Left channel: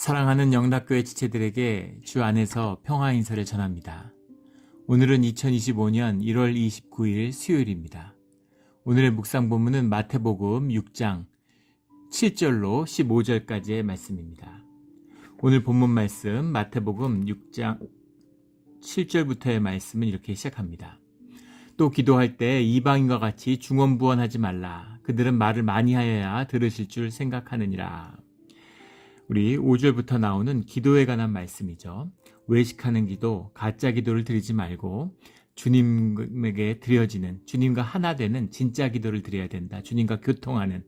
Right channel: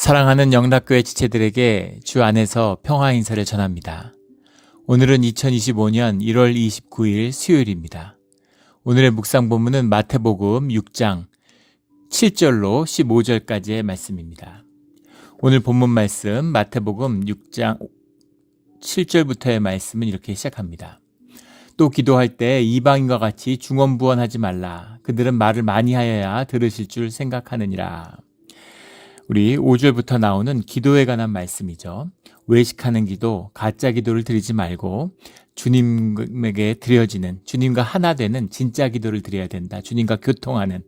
사랑하는 영락교회 지체들에게 주 안에서 평화 인사를 전합니다. 오늘은 2025년 1월 29일 수요일입니다. 오늘의 묵상 본문은 마태복음 6장 7절로 15절까지의 말씀입니다. 오늘 본문 말씀 마태복음 6장 7절부터의 말씀은 이렇게 시작합니다. 또 기도할 때 이방인과 같이 중언부언하지 말라. 그들은 말을 많이 하여야 들으실 줄 생각하느니라. 우리 5절부터 나오는 기도에 관한 말씀이죠. 외식하는 기도, 가짜 기도를 드리지 말고 주님에게 드려지는, 주님과 하나 되는 진짜 기도를 드려야 된다. 주님과 교통하는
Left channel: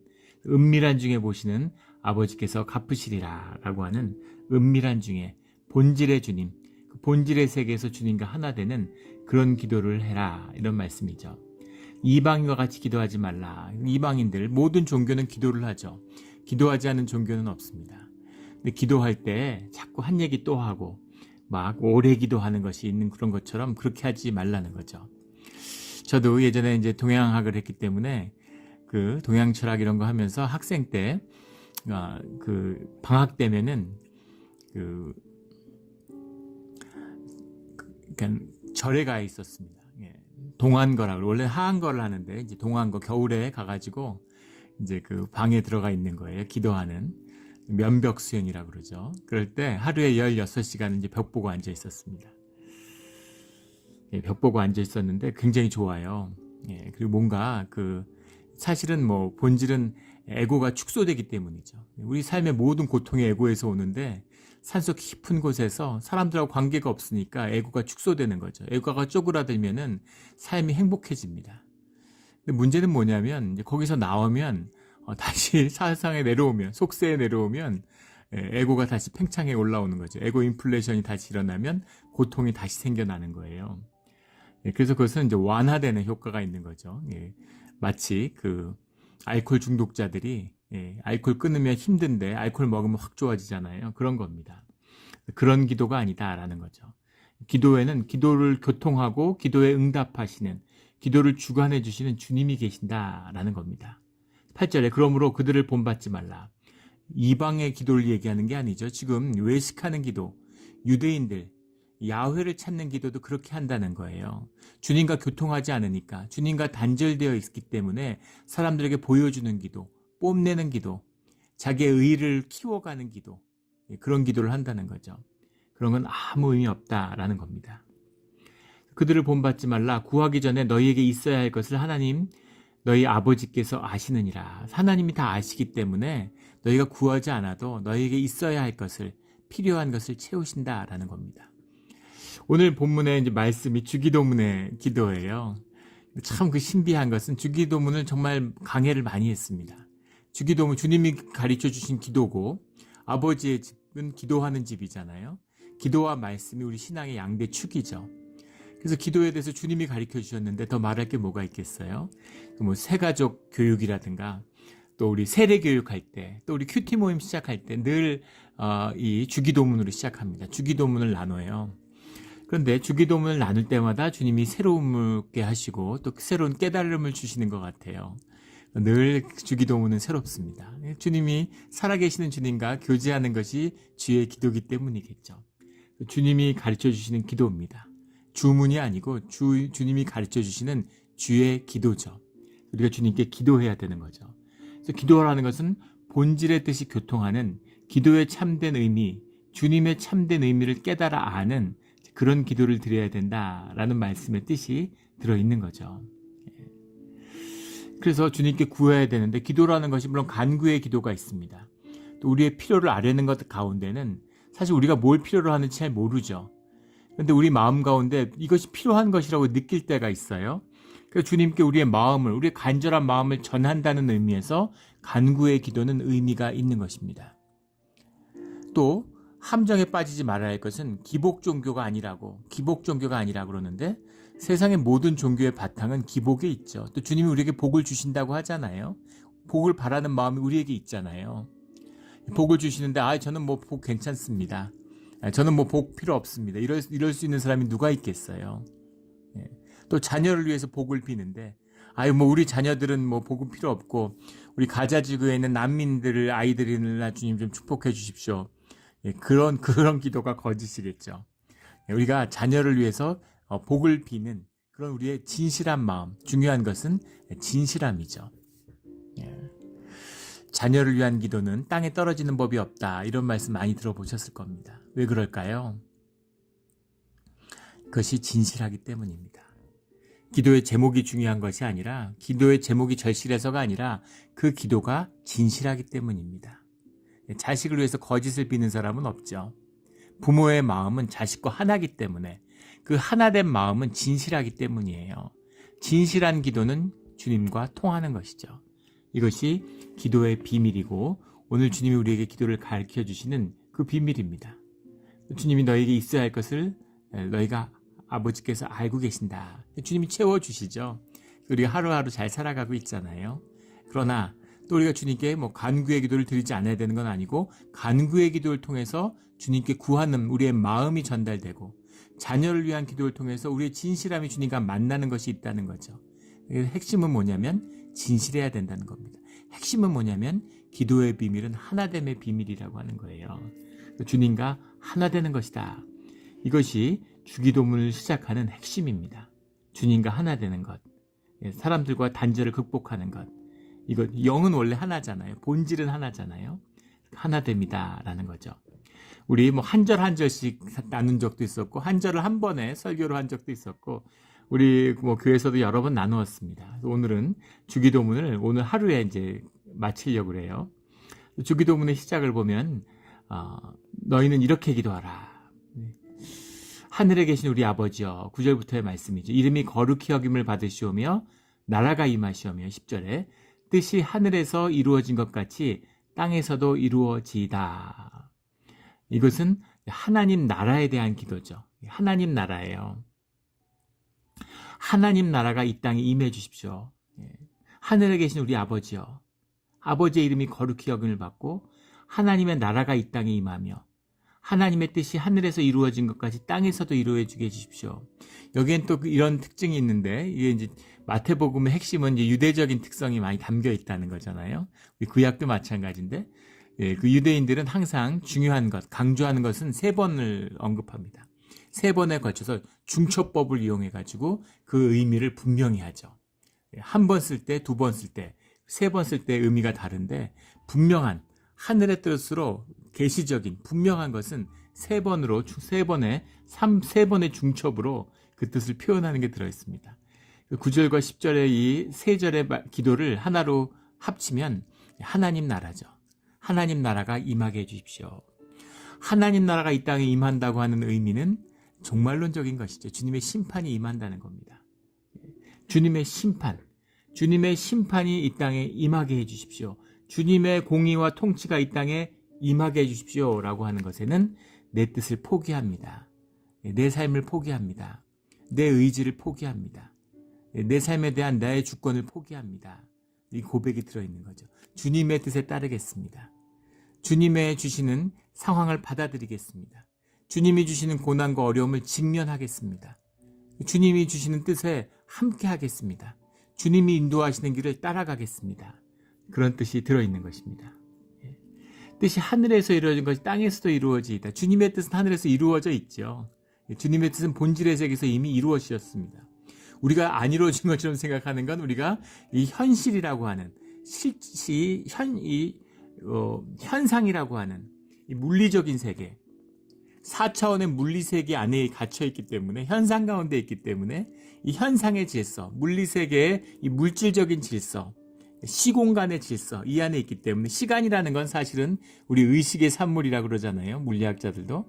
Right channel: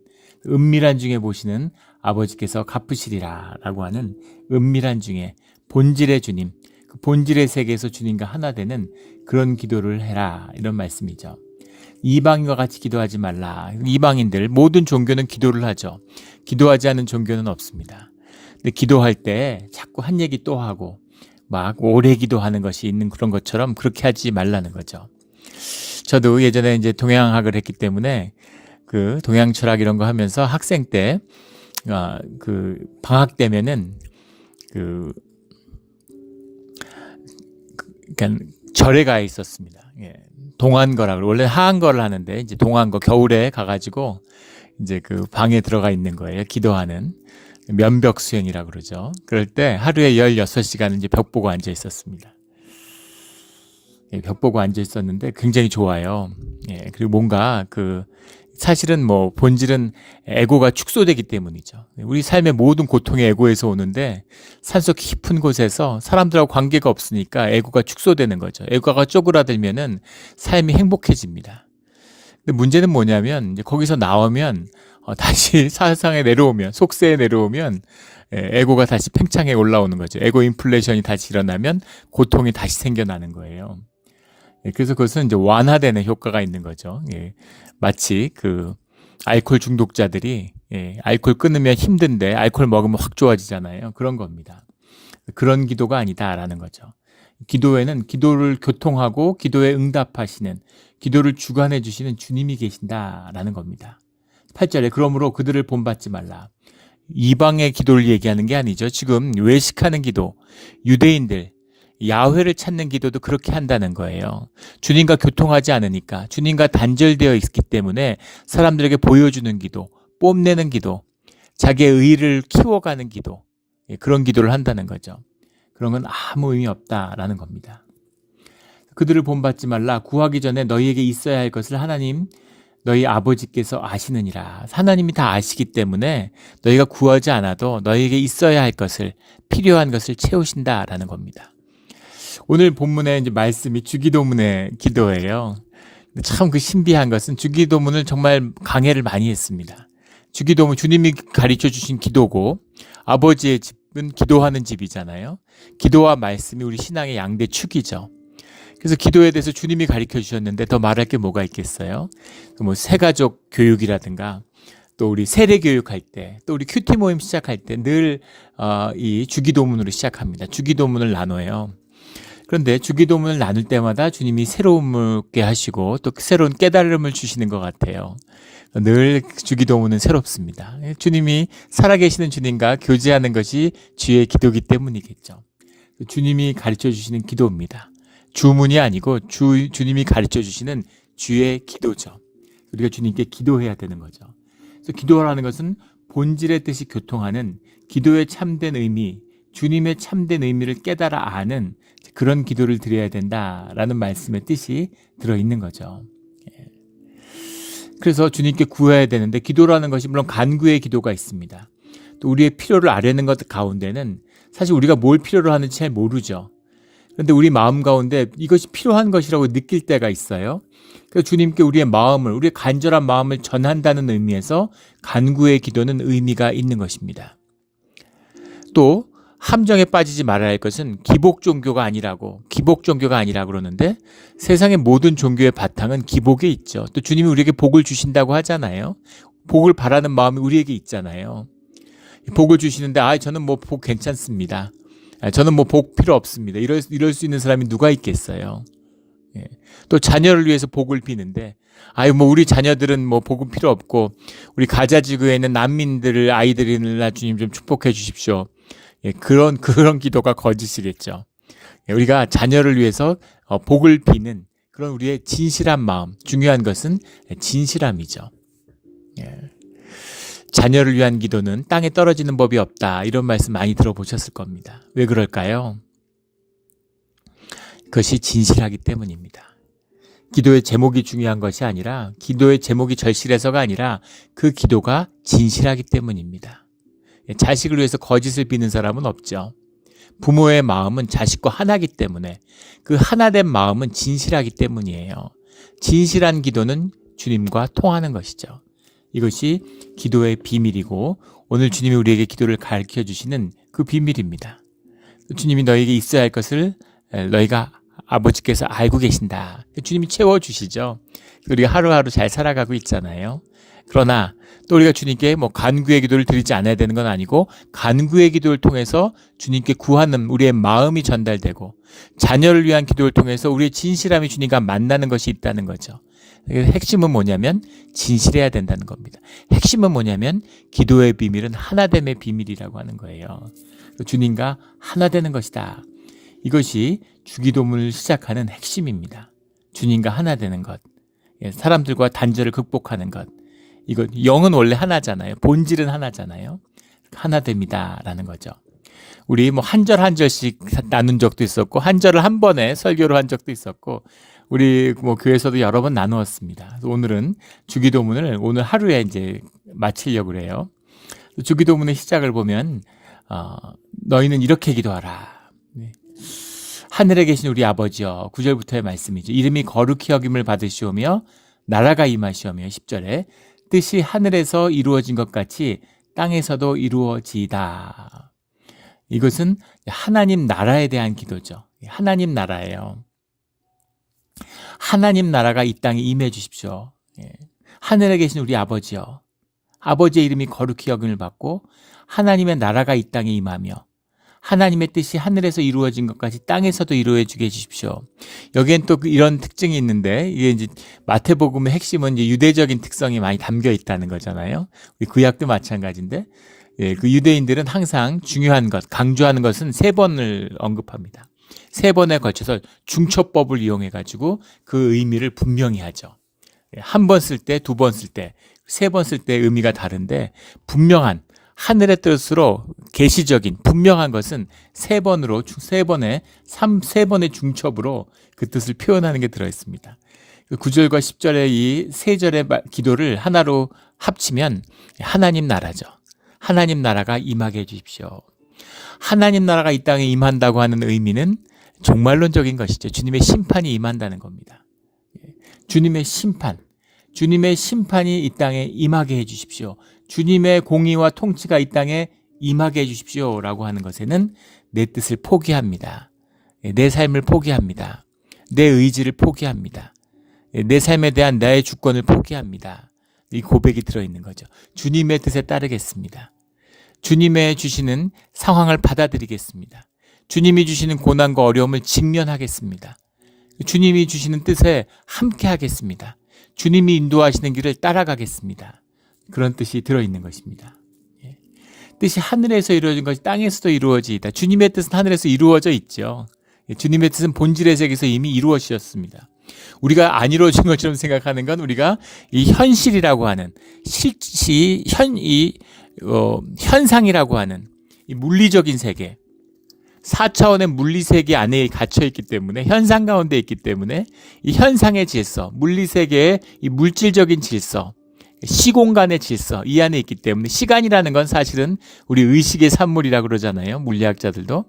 은밀한 중에 보시는 아버지께서 갚으시리라 라고 하는 은밀한 중에 본질의 주님, 그 본질의 세계에서 주님과 하나 되는 그런 기도를 해라, 이런 말씀이죠. 이방인과 같이 기도하지 말라. 이방인들 모든 종교는 기도를 하죠. 기도하지 않은 종교는 없습니다. 근데 기도할 때 자꾸 한 얘기 또 하고 막 오래 기도하는 것이 있는 그런 것처럼 그렇게 하지 말라는 거죠. 저도 예전에 이제 동양학을 했기 때문에 그 동양 철학 이런 거 하면서 학생 때 그 방학 되면은 그러니까 절에 가 있었습니다. 예. 동안거라고 원래 하한거를 하는데 이제 동안거 겨울에 가가지고 이제 그 방에 들어가 있는 거예요. 기도하는 면벽 수행이라고 그러죠. 그럴 때 하루에 16시간은 이제 벽 보고 앉아 있었습니다. 예, 벽 보고 앉아 있었는데 굉장히 좋아요. 예, 그리고 뭔가 사실은 뭐 본질은 에고가 축소되기 때문이죠. 우리 삶의 모든 고통이 에고에서 오는데 산속 깊은 곳에서 사람들하고 관계가 없으니까 에고가 축소되는 거죠. 에고가 쪼그라들면은 삶이 행복해집니다. 근데 문제는 뭐냐면 이제 거기서 나오면 다시 사상에 내려오면, 속세에 내려오면 에고가 다시 팽창해 올라오는 거죠. 에고 인플레이션이 다시 일어나면 고통이 다시 생겨나는 거예요. 그래서 그것은 이제 완화되는 효과가 있는 거죠. 마치 알코올 중독자들이 알코올 끊으면 힘든데 알코올 먹으면 확 좋아지잖아요. 그런 겁니다. 그런 기도가 아니다라는 거죠. 기도에는 기도를 교통하고 기도에 응답하시는, 기도를 주관해 주시는 주님이 계신다라는 겁니다. 8절에 그러므로 그들을 본받지 말라. 이방의 기도를 얘기하는 게 아니죠. 지금 외식하는 기도, 유대인들 야훼를 찾는 기도도 그렇게 한다는 거예요. 주님과 교통하지 않으니까, 주님과 단절되어 있기 때문에 사람들에게 보여주는 기도, 뽐내는 기도, 자기의 의의를 키워가는 기도, 그런 기도를 한다는 거죠. 그런 건 아무 의미 없다라는 겁니다. 그들을 본받지 말라. 구하기 전에 너희에게 있어야 할 것을 하나님 너희 아버지께서 아시느니라. 하나님이 다 아시기 때문에 너희가 구하지 않아도 너희에게 있어야 할 것을, 필요한 것을 채우신다라는 겁니다. 오늘 본문의 이제 말씀이 주기도문의 기도예요. 참 신비한 것은 주기도문을 정말 강해를 많이 했습니다. 주기도문, 주님이 가르쳐 주신 기도고 아버지의 집은 기도하는 집이잖아요. 기도와 말씀이 우리 신앙의 양대 축이죠. 그래서 기도에 대해서 주님이 가르쳐 주셨는데 더 말할 게 뭐가 있겠어요? 뭐 새가족 교육이라든가 또 우리 세례 교육할 때, 또 우리 큐티 모임 시작할 때 늘 이 주기도문으로 시작합니다. 주기도문을 나눠요. 그런데 주기도문을 나눌 때마다 주님이 새로움을 하시고 또 새로운 깨달음을 주시는 것 같아요. 늘 주기도문은 새롭습니다. 주님이 살아계시는 주님과 교제하는 것이 주의 기도기 때문이겠죠. 주님이 가르쳐 주시는 기도입니다. 주문이 아니고 주님이 가르쳐 주시는 주의 기도죠. 우리가 주님께 기도해야 되는 거죠. 그래서 기도라는 것은 본질의 뜻이 교통하는, 기도의 참된 의미, 주님의 참된 의미를 깨달아 아는 그런 기도를 드려야 된다라는 말씀의 뜻이 들어있는 거죠. 그래서 주님께 구해야 되는데, 기도라는 것이 물론 간구의 기도가 있습니다. 또 우리의 필요를 아뢰는 것 가운데는 사실 우리가 뭘 필요로 하는지 잘 모르죠. 그런데 우리 마음 가운데 이것이 필요한 것이라고 느낄 때가 있어요. 그래서 주님께 우리의 마음을, 우리의 간절한 마음을 전한다는 의미에서 간구의 기도는 의미가 있는 것입니다. 또 함정에 빠지지 말아야 할 것은 기복 종교가 아니라고 그러는데, 세상의 모든 종교의 바탕은 기복에 있죠. 또 주님이 우리에게 복을 주신다고 하잖아요. 복을 바라는 마음이 우리에게 있잖아요. 복을 주시는데 저는 뭐 복 괜찮습니다. 저는 뭐 복 필요 없습니다. 이럴 수 있는 사람이 누가 있겠어요. 또 자녀를 위해서 복을 비는데 뭐 우리 자녀들은 뭐 복은 필요 없고 우리 가자지구에 있는 난민들을, 아이들이나 주님 좀 축복해 주십시오. 예, 그런 기도가 거짓이겠죠. 예, 우리가 자녀를 위해서 복을 비는 그런 우리의 진실한 마음, 중요한 것은 진실함이죠. 예. 자녀를 위한 기도는 땅에 떨어지는 법이 없다. 이런 말씀 많이 들어보셨을 겁니다. 왜 그럴까요? 그것이 진실하기 때문입니다. 기도의 제목이 중요한 것이 아니라, 기도의 제목이 절실해서가 아니라 그 기도가 진실하기 때문입니다. 자식을 위해서 거짓을 비는 사람은 없죠. 부모의 마음은 자식과 하나이기 때문에, 그 하나된 마음은 진실하기 때문이에요. 진실한 기도는 주님과 통하는 것이죠. 이것이 기도의 비밀이고, 오늘 주님이 우리에게 기도를 가르쳐 주시는 그 비밀입니다. 주님이 너에게 있어야 할 것을 너희가 아버지께서 알고 계신다. 주님이 채워주시죠. 우리가 하루하루 잘 살아가고 있잖아요. 그러나 또 우리가 주님께 간구의 기도를 드리지 않아야 되는 건 아니고, 간구의 기도를 통해서 주님께 구하는 우리의 마음이 전달되고, 자녀를 위한 기도를 통해서 우리의 진실함이 주님과 만나는 것이 있다는 거죠. 핵심은 뭐냐면 진실해야 된다는 겁니다. 핵심은 뭐냐면 기도의 비밀은 하나됨의 비밀이라고 하는 거예요. 주님과 하나 되는 것이다. 이것이 주기도문을 시작하는 핵심입니다. 주님과 하나 되는 것, 사람들과 단절을 극복하는 것. 이거 영은 원래 하나잖아요. 본질은 하나잖아요. 하나됩니다라는 거죠. 우리 한 절 한 절씩 나눈 적도 있었고, 한 절을 한 번에 설교로 한 적도 있었고, 우리 교회에서도 여러 번 나누었습니다. 오늘은 주기도문을 오늘 하루에 이제 마치려고 해요. 주기도문의 시작을 보면 너희는 이렇게 기도하라. 하늘에 계신 우리 아버지여, 9절부터의 말씀이죠. 이름이 거룩히 여김을 받으시오며 나라가 임하시오며, 10절에 뜻이 하늘에서 이루어진 것 같이 땅에서도 이루어지이다. 이것은 하나님 나라에 대한 기도죠. 하나님 나라예요. 하나님 나라가 이 땅에 임해 주십시오. 하늘에 계신 우리 아버지여, 아버지의 이름이 거룩히 여김을 받고 하나님의 나라가 이 땅에 임하며 하나님의 뜻이 하늘에서 이루어진 것까지 땅에서도 이루어지게 해주십시오. 여기엔 또 이런 특징이 있는데, 이게 이제 마태복음의 핵심은 이제 유대적인 특성이 많이 담겨 있다는 거잖아요. 우리 구약도 마찬가지인데, 그 유대인들은 항상 중요한 것, 강조하는 것은 3번을 언급합니다. 3번에 걸쳐서 중초법을 이용해가지고 그 의미를 분명히 하죠. 한 번 쓸 때, 2번 쓸 때, 3번 쓸 때 의미가 다른데, 분명한 하늘의 뜻으로 계시적인 분명한 것은 3번으로, 3번의 중첩으로 그 뜻을 표현하는 게 들어있습니다. 9절과 10절의 이 3절의 기도를 하나로 합치면 하나님 나라죠. 하나님 나라가 임하게 해주십시오. 하나님 나라가 이 땅에 임한다고 하는 의미는 종말론적인 것이죠. 주님의 심판이 임한다는 겁니다. 주님의 심판이 이 땅에 임하게 해주십시오. 주님의 공의와 통치가 이 땅에 임하게 해주십시오 라고 하는 것에는 내 뜻을 포기합니다. 내 삶을 포기합니다. 내 의지를 포기합니다. 내 삶에 대한 나의 주권을 포기합니다. 이 고백이 들어있는 거죠. 주님의 뜻에 따르겠습니다. 주님의 주시는 상황을 받아들이겠습니다. 주님이 주시는 고난과 어려움을 직면하겠습니다. 주님이 주시는 뜻에 함께 하겠습니다. 주님이 인도하시는 길을 따라가겠습니다. 그런 뜻이 들어있는 것입니다. 뜻이 하늘에서 이루어진 것이 땅에서도 이루어지이다. 주님의 뜻은 하늘에서 이루어져 있죠. 주님의 뜻은 본질의 세계에서 이미 이루어지셨습니다. 우리가 안 이루어진 것처럼 생각하는 건 우리가 이 현실이라고 하는 현상이라고 하는 이 물리적인 세계, 4차원의 물리세계 안에 갇혀있기 때문에, 현상 가운데 있기 때문에 이 현상의 질서, 물리세계의 이 물질적인 질서, 시공간의 질서 이 안에 있기 때문에, 시간이라는 건 사실은 우리 의식의 산물이라고 그러잖아요. 물리학자들도.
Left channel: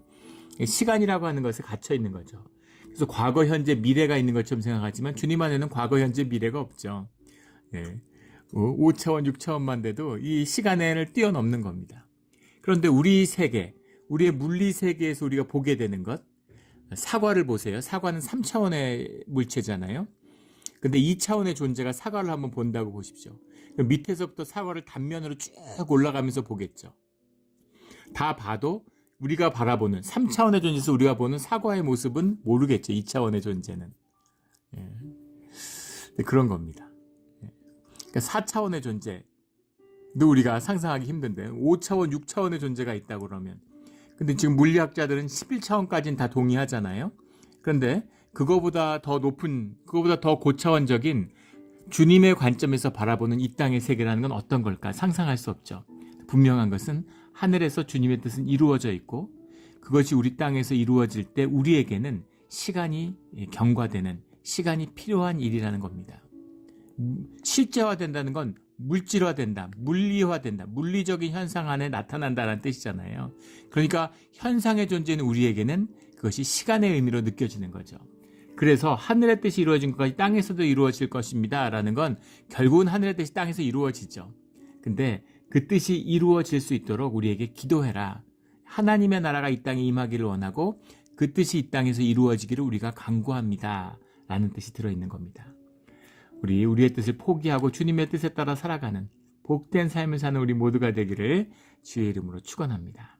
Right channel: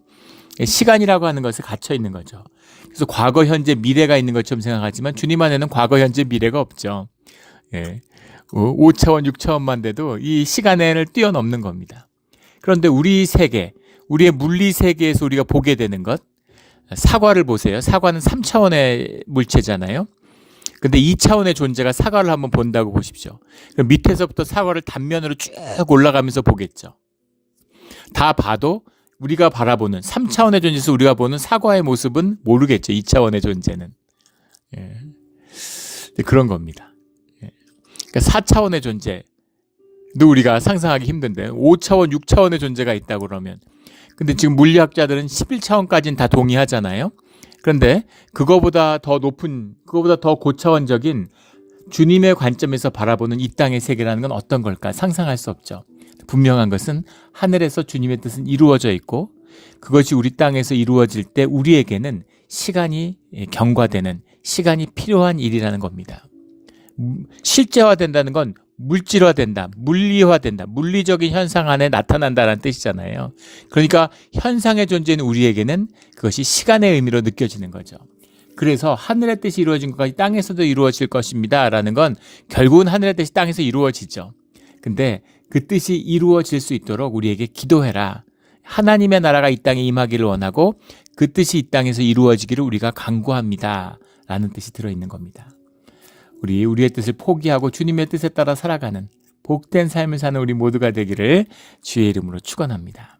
시간이라고 하는 것에 갇혀 있는 거죠. 그래서 과거, 현재, 미래가 있는 것처럼 생각하지만 주님 안에는 과거, 현재, 미래가 없죠. 5차원, 6차원만 돼도 이 시간을 뛰어넘는 겁니다. 그런데 우리 세계, 우리의 물리 세계에서 우리가 보게 되는 것, 사과를 보세요. 사과는 3차원의 물체잖아요. 근데 2차원의 존재가 사과를 한번 본다고 보십시오. 그럼 밑에서부터 사과를 단면으로 쭉 올라가면서 보겠죠. 다 봐도 우리가 바라보는 3차원의 존재에서 우리가 보는 사과의 모습은 모르겠죠. 2차원의 존재는. 그런 겁니다. 그러니까 4차원의 존재도 우리가 상상하기 힘든데 5차원, 6차원의 존재가 있다고 그러면 근데 지금 물리학자들은 11차원까지는 다 동의하잖아요. 그런데 그거보다 더 높은, 그거보다 더 고차원적인 주님의 관점에서 바라보는 이 땅의 세계라는 건 어떤 걸까? 상상할 수 없죠. 분명한 것은 하늘에서 주님의 뜻은 이루어져 있고 그것이 우리 땅에서 이루어질 때 우리에게는 시간이 경과되는, 시간이 필요한 일이라는 겁니다. 실제화된다는 건 물질화된다, 물리화된다, 물리적인 현상 안에 나타난다는 뜻이잖아요. 그러니까 현상의 존재는 우리에게는 그것이 시간의 의미로 느껴지는 거죠. 그래서 하늘의 뜻이 이루어진 것까지 땅에서도 이루어질 것입니다 라는 건 결국은 하늘의 뜻이 땅에서 이루어지죠. 근데 그 뜻이 이루어질 수 있도록 우리에게 기도해라. 하나님의 나라가 이 땅에 임하기를 원하고 그 뜻이 이 땅에서 이루어지기를 우리가 간구합니다 라는 뜻이 들어있는 겁니다. 우리의 뜻을 포기하고 주님의 뜻에 따라 살아가는 복된 삶을 사는 우리 모두가 되기를 주의 이름으로 축원합니다.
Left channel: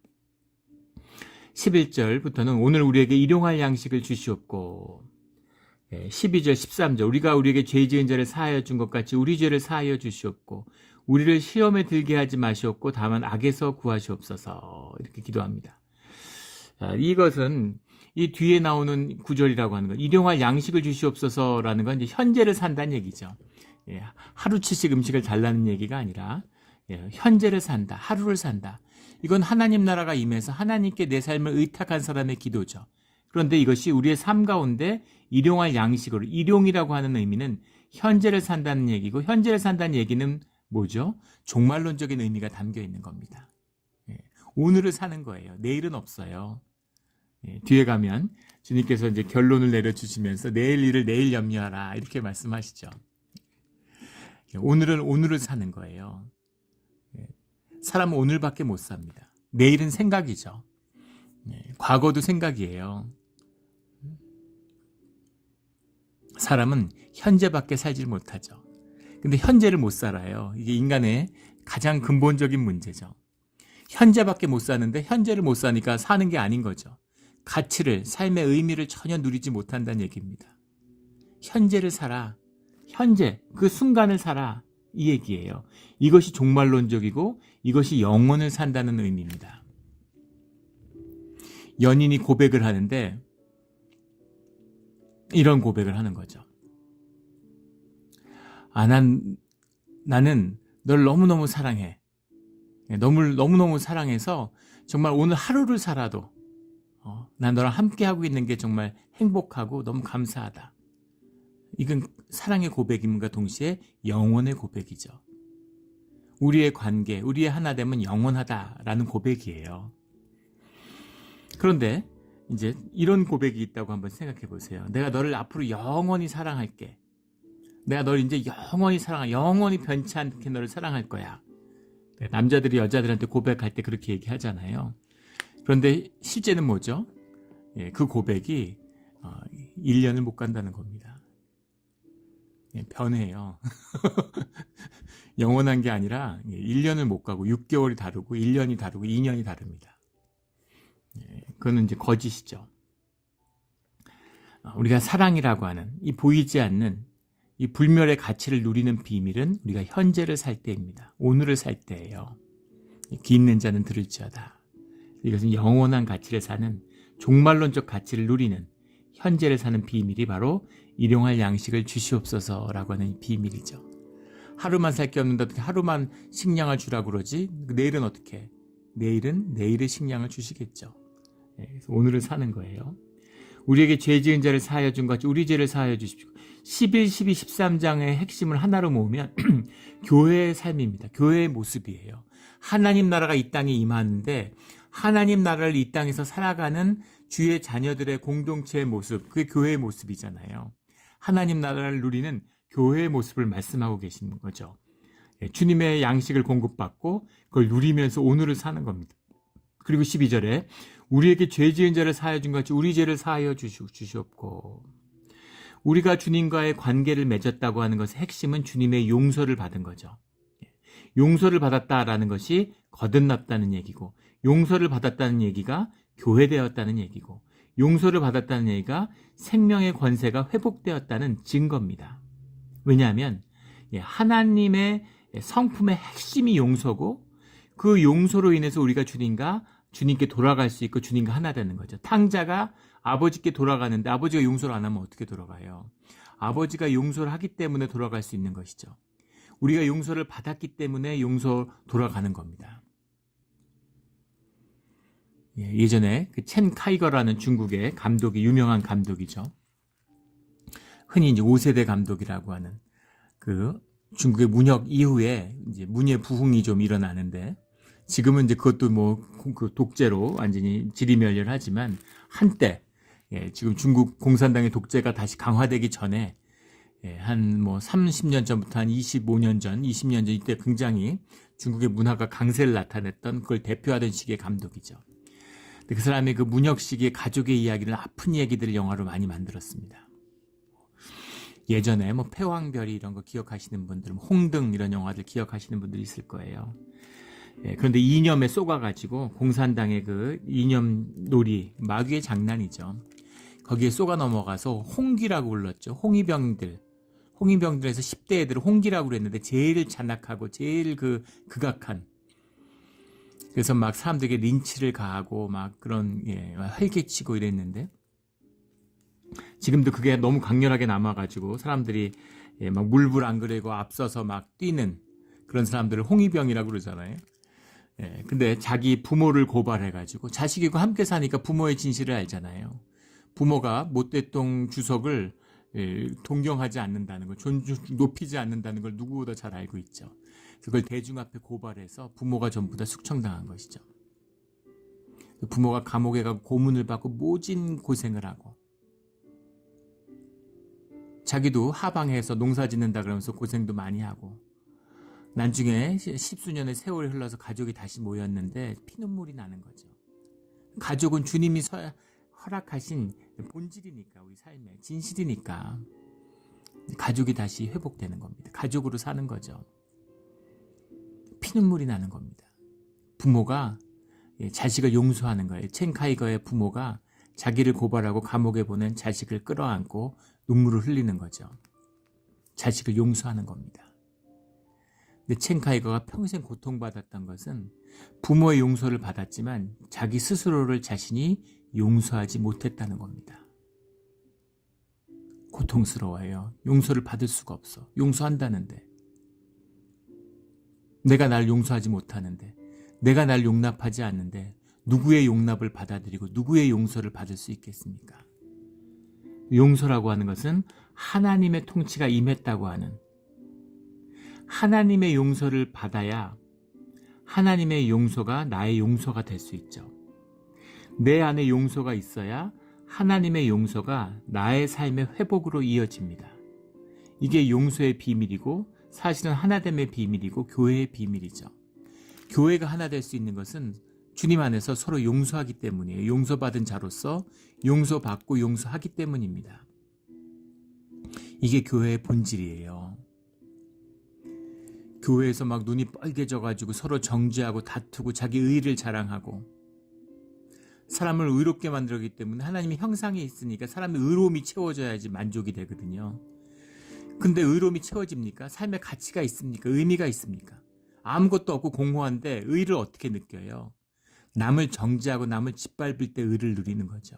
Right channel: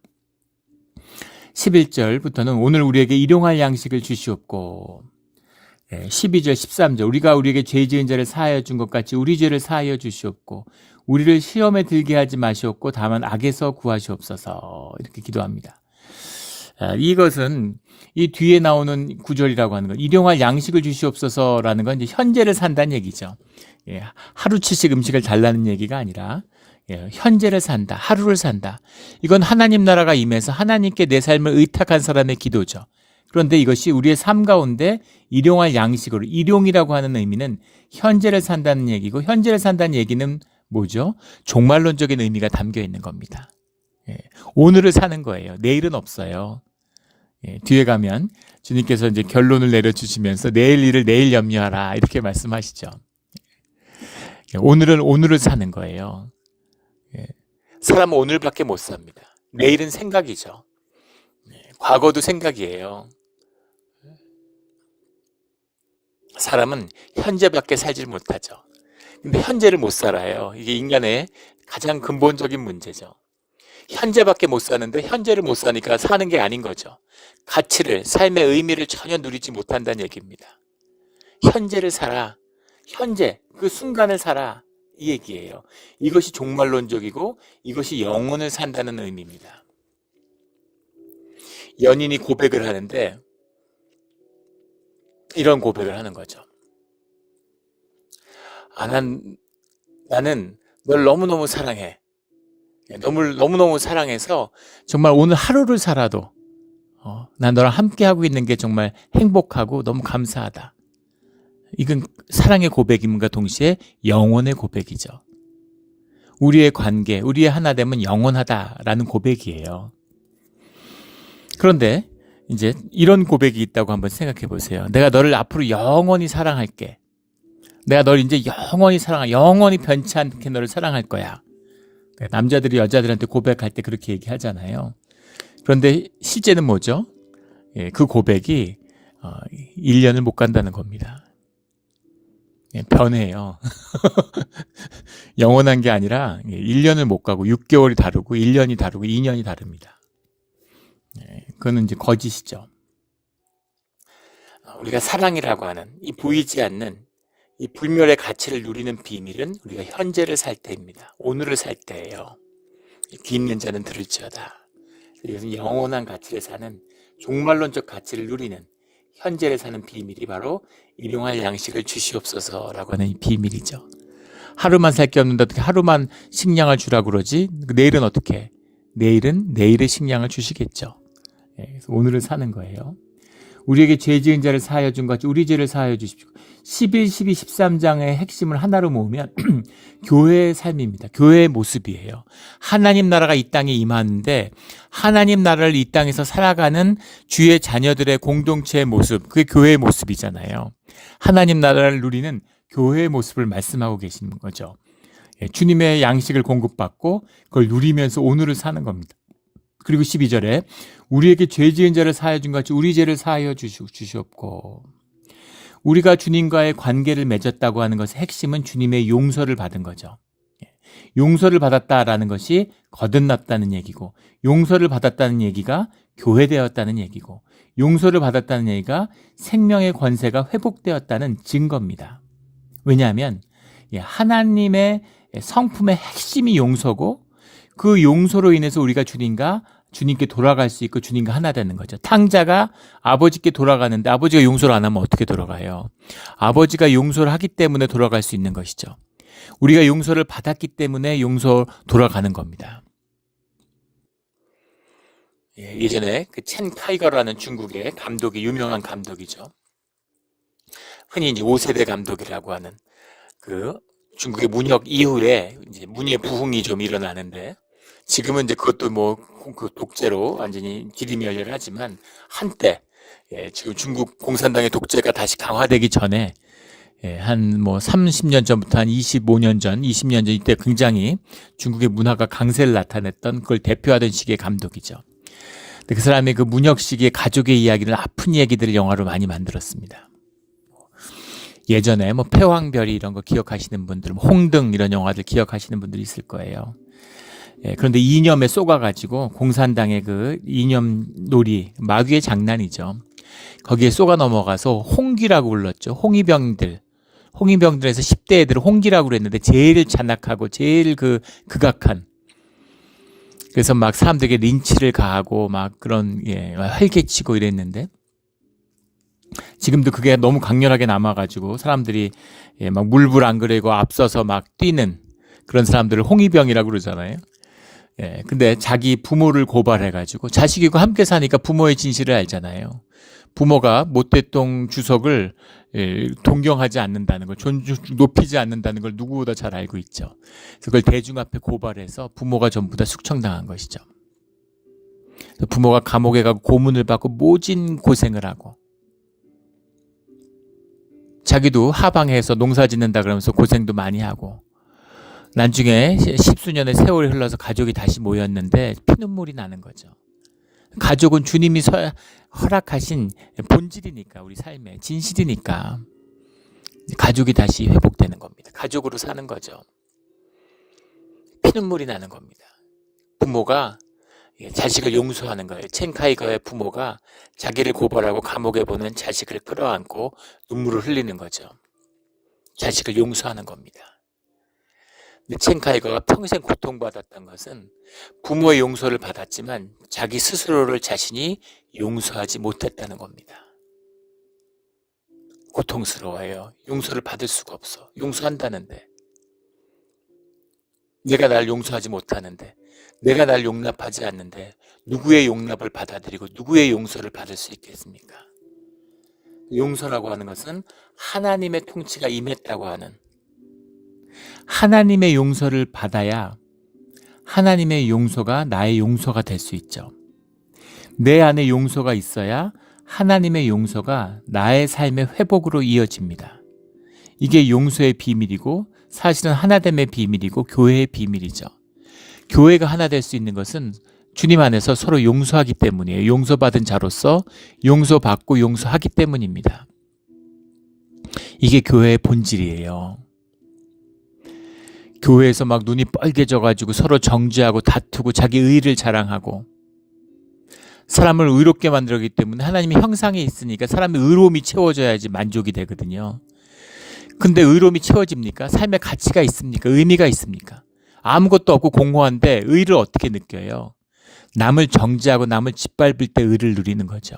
11절부터는 오늘 우리에게 일용할 양식을 주시옵고 12절 13절 우리가 우리에게 죄 지은 자를 사하여 준 것 같이 우리 죄를 사하여 주시옵고 우리를 시험에 들게 하지 마시옵고 다만 악에서 구하시옵소서 이렇게 기도합니다. 이것은 이 뒤에 나오는 구절이라고 하는 것, 일용할 양식을 주시옵소서라는 건 이제 현재를 산다는 얘기죠. 하루치씩 음식을 달라는 얘기가 아니라 현재를 산다, 하루를 산다. 이건 하나님 나라가 임해서 하나님께 내 삶을 의탁한 사람의 기도죠. 그런데 이것이 우리의 삶 가운데 일용할 양식으로, 일용이라고 하는 의미는 현재를 산다는 얘기고, 현재를 산다는 얘기는 뭐죠? 종말론적인 의미가 담겨 있는 겁니다. 오늘을 사는 거예요. 내일은 없어요. 뒤에 가면 주님께서 이제 결론을 내려주시면서 내일 일을 내일 염려하라 이렇게 말씀하시죠. 오늘은 오늘을 사는 거예요. 사람은 오늘밖에 못 삽니다. 내일은 생각이죠. 과거도 생각이에요. 사람은 현재밖에 살지 못하죠. 근데 현재를 못 살아요. 이게 인간의 가장 근본적인 문제죠. 현재밖에 못 사는데 현재를 못 사니까 사는 게 아닌 거죠. 가치를, 삶의 의미를 전혀 누리지 못한다는 얘기입니다. 현재를 살아. 현재, 그 순간을 살아. 이 얘기예요. 이것이 종말론적이고 이것이 영혼을 산다는 의미입니다. 연인이 고백을 하는데 이런 고백을 하는 거죠. 나는 널 너무너무 사랑해. 너무너무 사랑해서 정말 오늘 하루를 살아도 난 너랑 함께하고 있는 게 정말 행복하고 너무 감사하다. 이건 사랑의 고백임과 동시에 영혼의 고백이죠. 우리의 관계, 우리의 하나됨은 영원하다라는 고백이에요. 그런데 이제 이런 고백이 있다고 한번 생각해 보세요. 내가 너를 앞으로 영원히 사랑할게. 내가 널 이제 영원히 사랑할, 영원히 변치 않게 너를 사랑할 거야. 남자들이 여자들한테 고백할 때 그렇게 얘기하잖아요. 그런데 실제는 뭐죠? 그 고백이 1년을 못 간다는 겁니다. 변해요. 영원한 게 아니라 1년을 못 가고 6개월이 다르고 1년이 다르고 2년이 다릅니다. 그거는 이제 거짓이죠. 우리가 사랑이라고 하는 이 보이지 않는 이 불멸의 가치를 누리는 비밀은 우리가 현재를 살 때입니다. 오늘을 살 때예요. 귀 있는 자는 들을지어다. 이것은 영원한 가치를 사는 종말론적 가치를 누리는 현재를 사는 비밀이 바로 일용할 양식을 주시옵소서라고 하는 이 비밀이죠. 하루만 살 게 없는데 어떻게 하루만 식량을 주라고 그러지? 내일은 어떻게? 내일은 내일의 식량을 주시겠죠. 그래서 오늘을 사는 거예요. 우리에게 죄 지은 자를 사하여 준 것 같이 우리 죄를 사하여 주십시오. 11, 12, 13장의 핵심을 하나로 모으면 교회의 삶입니다. 교회의 모습이에요. 하나님 나라가 이 땅에 임하는데 하나님 나라를 이 땅에서 살아가는 주의 자녀들의 공동체의 모습, 그게 교회의 모습이잖아요. 하나님 나라를 누리는 교회의 모습을 말씀하고 계시는 거죠. 주님의 양식을 공급받고 그걸 누리면서 오늘을 사는 겁니다. 그리고 12절에 우리에게 죄 지은 자를 사하여 준 것 같이 우리 죄를 사하여 주시옵고, 우리가 주님과의 관계를 맺었다고 하는 것의 핵심은 주님의 용서를 받은 거죠. 용서를 받았다라는 것이 거듭났다는 얘기고, 용서를 받았다는 얘기가 교회되었다는 얘기고, 용서를 받았다는 얘기가 생명의 권세가 회복되었다는 증거입니다. 왜냐하면 하나님의 성품의 핵심이 용서고 그 용서로 인해서 우리가 주님과 주님께 돌아갈 수 있고 주님과 하나 되는 거죠. 탕자가 아버지께 돌아가는데 아버지가 용서를 안 하면 어떻게 돌아가요? 아버지가 용서를 하기 때문에 돌아갈 수 있는 것이죠. 우리가 용서를 받았기 때문에 용서 돌아가는 겁니다. 예전에 그 첸 카이거라는 중국의 감독이 유명한 감독이죠. 흔히 이제 5세대 감독이라고 하는 그 중국의 문혁 이후에 이제 문예 부흥이 좀 일어나는데 지금은 이제 그것도 뭐 그 독재로 완전히 지리멸렬하지만 한때 지금 중국 공산당의 독재가 다시 강화되기 전에 한 뭐 30년 전부터 한 25년 전, 20년 전 이때 굉장히 중국의 문화가 강세를 나타냈던 그걸 대표하던 시기의 감독이죠. 근데 그 사람이 그 문혁 시기의 가족의 이야기를 아픈 얘기들을 영화로 많이 만들었습니다. 예전에 뭐 패왕별이 이런 거 기억하시는 분들, 홍등 이런 영화들 기억하시는 분들이 있을 거예요. 그런데 이념에 쏘가가지고 공산당의 그 이념 놀이, 마귀의 장난이죠. 거기에 쏘가 넘어가서 홍기라고 불렀죠. 홍위병들에서 10대 애들을 홍기라고 그랬는데 제일 잔악하고 제일 극악한. 그래서 막 사람들에게 린치를 가하고 막 그런 활개치고 이랬는데 지금도 그게 너무 강렬하게 남아가지고 사람들이 막 물불 안 그래고 앞서서 막 뛰는 그런 사람들을 홍위병이라고 그러잖아요. 근데 자기 부모를 고발해가지고 자식이고 함께 사니까 부모의 진실을 알잖아요. 부모가 모택동 주석을 동경하지 않는다는 걸, 높이지 않는다는 걸 누구보다 잘 알고 있죠. 그래서 그걸 대중 앞에 고발해서 부모가 전부 다 숙청당한 것이죠. 부모가 감옥에 가고 고문을 받고 모진 고생을 하고 자기도 하방해서 농사 짓는다 그러면서 고생도 많이 하고 나중에 십수년의 세월이 흘러서 가족이 다시 모였는데 피눈물이 나는 거죠. 가족은 주님이 허락하신 본질이니까 우리 삶의 진실이니까 가족이 다시 회복되는 겁니다. 가족으로 사는 거죠. 피눈물이 나는 겁니다. 부모가 자식을 용서하는 거예요. 첸 카이거의 부모가 자기를 고발하고 감옥에 보낸 자식을 끌어안고 눈물을 흘리는 거죠. 자식을 용서하는 겁니다. 근데 첸 카이거가 평생 고통받았던 것은 부모의 용서를 받았지만 자기 스스로를 자신이 용서하지 못했다는 겁니다. 고통스러워요. 용서를 받을 수가 없어. 용서한다는데. 내가 날 용서하지 못하는데, 내가 날 용납하지 않는데 누구의 용납을 받아들이고 누구의 용서를 받을 수 있겠습니까? 용서라고 하는 것은 하나님의 통치가 임했다고 하는, 하나님의 용서를 받아야 하나님의 용서가 나의 용서가 될 수 있죠. 내 안에 용서가 있어야 하나님의 용서가 나의 삶의 회복으로 이어집니다. 이게 용서의 비밀이고 사실은 하나됨의 비밀이고 교회의 비밀이죠. 교회가 하나 될 수 있는 것은 주님 안에서 서로 용서하기 때문이에요. 용서받은 자로서 용서받고 용서하기 때문입니다. 이게 교회의 본질이에요. 교회에서 막 눈이 뻘개져가지고 서로 정죄하고 다투고 자기 의의를 자랑하고 사람을 의롭게 만들었기 때문에 하나님의 형상에 있으니까 사람의 의로움이 채워져야지 만족이 되거든요. 근데 의로움이 채워집니까? 삶의 가치가 있습니까? 의미가 있습니까? 아무것도 없고 공허한데 의를 어떻게 느껴요? 남을 정죄하고 남을 짓밟을 때 의를 누리는 거죠.